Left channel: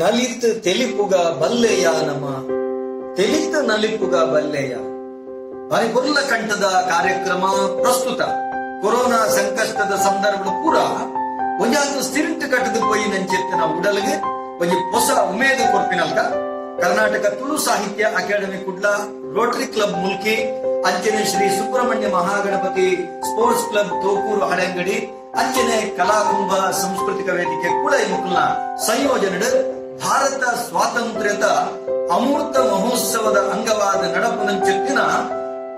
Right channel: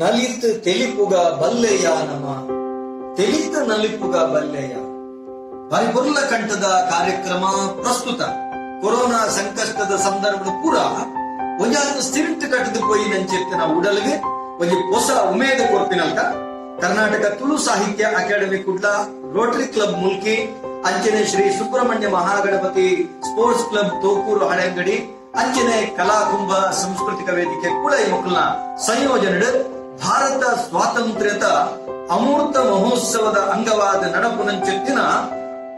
ನಲಿತ್ ತೆಲಿಪುಗ ಬಲ್ಲೆಯ ನಮ ತೆಲಿತ್ ನಲಿಪುಗ ಬಲ್ಲೆಯ ಪರಿಪುರ್ಲ ಕಂಠದ ಕಾರ್ಯಕ್ರಮ ಪ್ರಸ್ತುತ ಕೊರೋನಾ ಸಂಕಷ್ಟದ ಸಂದರ್ಭ ಪೂರ ಒಂಜಾದು ಸ್ಟಿಂಟ್ ಕಟ್ಟದು ಪೋಯಿ ನಂಚೆತ್ತಿನ ಉಡಲ್ಗೆ ಒಂಜಿ ಹೊಸ ಉಮೇದು ಕೊರ್ಪಿನಲ್ಕ ಕರ್ನಾಟಕ ತುಳು ಸಾಹಿತ್ಯ academy Kudla Rotary club Mulki ಅಂಚನೆ ಶ್ರೀ ಸುಬ್ರಹ್ಮಣ್ಯ ಮಹಾಗಣಪತಿ ಸ್ಪೋರ್ಟ್ಸ್ ಕ್ಲಬ್ ತೋಕೂರು ಹಳೆಂಗಡಿ ಅಂಚನೆ ಕಲಾಕುಂಭ ಸಾಂಸ್ಕೃತಿಕ ವೇದಿಕೆ ಕೂಡ ಈ ಮಕ್ಕಳನ್ನ ಸಂಯೋಜನೆ ಭಾರತ ಸ್ವಾತಂತ್ರ್ಯದ ಅಮೂರ್ತ ಮಹೋತ್ಸವದ ಅಂಗವಾದ ನಡಪುನಂಚೆತ್ತಿನ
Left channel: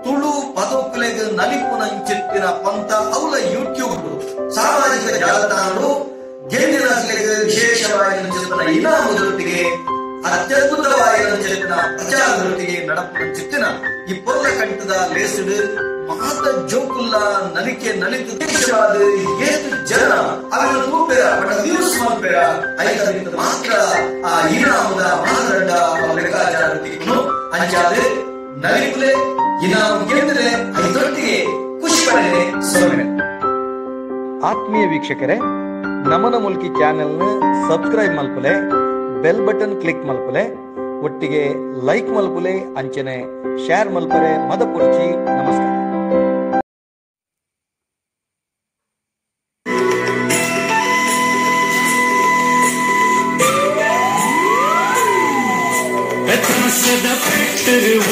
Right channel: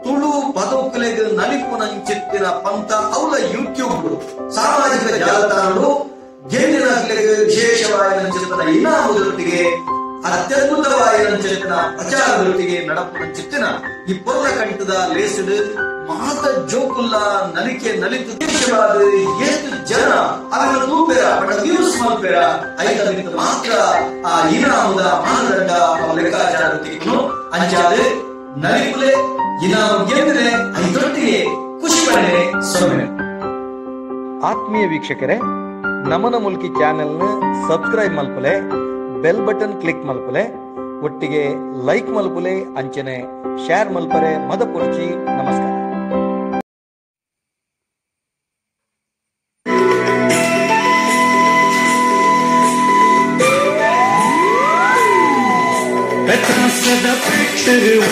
ತುಳು ಪದಕಲೆಗೆ ನಲಿಪುನಂಚೆತ್ತಿನ ಪಂಥ ಅವಳ ಯೂಟ್ಯೂಬ್ ಸಾಮಾಜಿಕ ಜಾಲತಾಣಗಳು ಗೆಂಡಿನ ವಿಶೇಷವಾದ ಇನಾಮದೊಟ್ಟಿಗೆ ಅತ್ಯದ್ಭುತವಾದ ಪ್ರಚಾರದೊಟ್ಟಿಗೆ ನಡಪುನಂಚೆತ್ತಿನ ಈ ಪೊರ್ಲ ಕಂಠದ ಲೇಸಡ್ ಮಾತ ಜೋಕುಲ್ಲ ನಲಿಕೆ ನಲಿತು ದೇಶವಾದ ಏತು ಜನ ಅವರ ತೂಪೆರ ಬಡ ವ್ಯೂಸ್ ಮಲ್ಪೆರ ಐದರಿಂದ ಮಾತ್ರ ಆ ಇನಾಮದ ಮಾನದಂಡ ಲೆಕ್ಕಾಚಾರವನ್ನು ಅಂಚಾದೆ ನಲಿಪುಲೆ ಇನಾಮ ಗೆಂದ್ರೆ ಐದೊಟ್ಟಿಗೆ ಖುಷಿ ಪಡೆ ಸೊಮ್ಮೆ. ಆತ್ಮೀಯ ವೀಕ್ಷಕರೇ, ನಮನ ಮುಲ್ಕಿ ಚಾನೆಲ್ನ ಸಬ್ಸ್ಕ್ರೈಬ್ ಮಲ್ಪಲೆ, ಬೆಲ್ ಬಟನ್ ಕ್ಲಿಕ್ ಮಲ್ಪಲೆ, ಒಟ್ಟಿಗೆ ಲೈಕ್ ಮಲ್ಪಲೆ, ಅಂಚನೆ ಶೇರ್ ಮಲ್ಪರೆ ಮದ ಪೊರ್ಚಿ. ನಮಸ್ಕಾರ.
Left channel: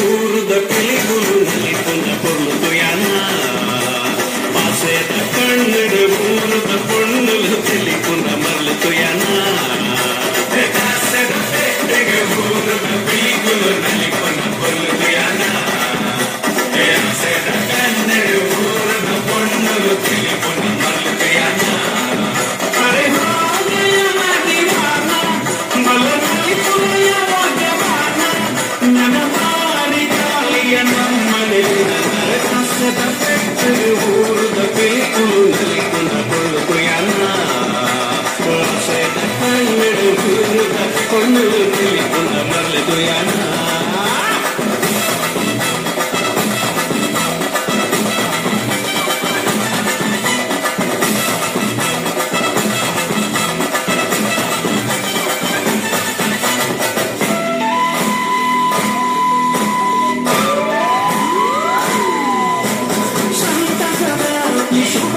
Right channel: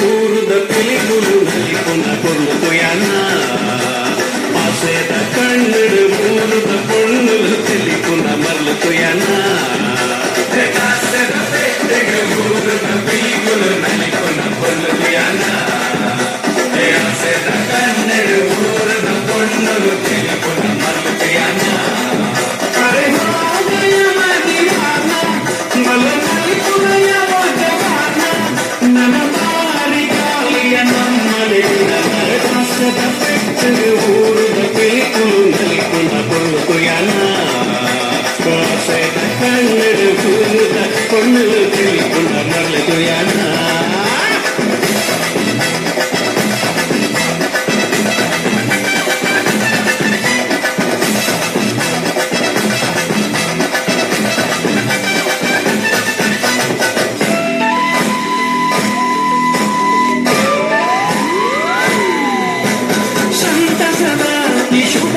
ಊರುದ ಕಿಲಿಗುಲು ನಲಿಪುನ ಕೊಲ್ಲುಯನ ಮಾಸದ ಕಣ್ಣರು ಊರುದ ಕೊಣ್ಣುಲು ಕಿಲಿಪುನ ಮಲ್ಲುಯನ ಊರುದ ಕಿಲಿಗುಲು ನಲಿಪುನ ಕೊಲ್ಲುಯನ ಕಣ್ಣರು ಊರುದ ಕೊಣ್ಣುಲು ಕಿಲಿಪುನ ಮಲ್ಲುಯನ ಶುಭ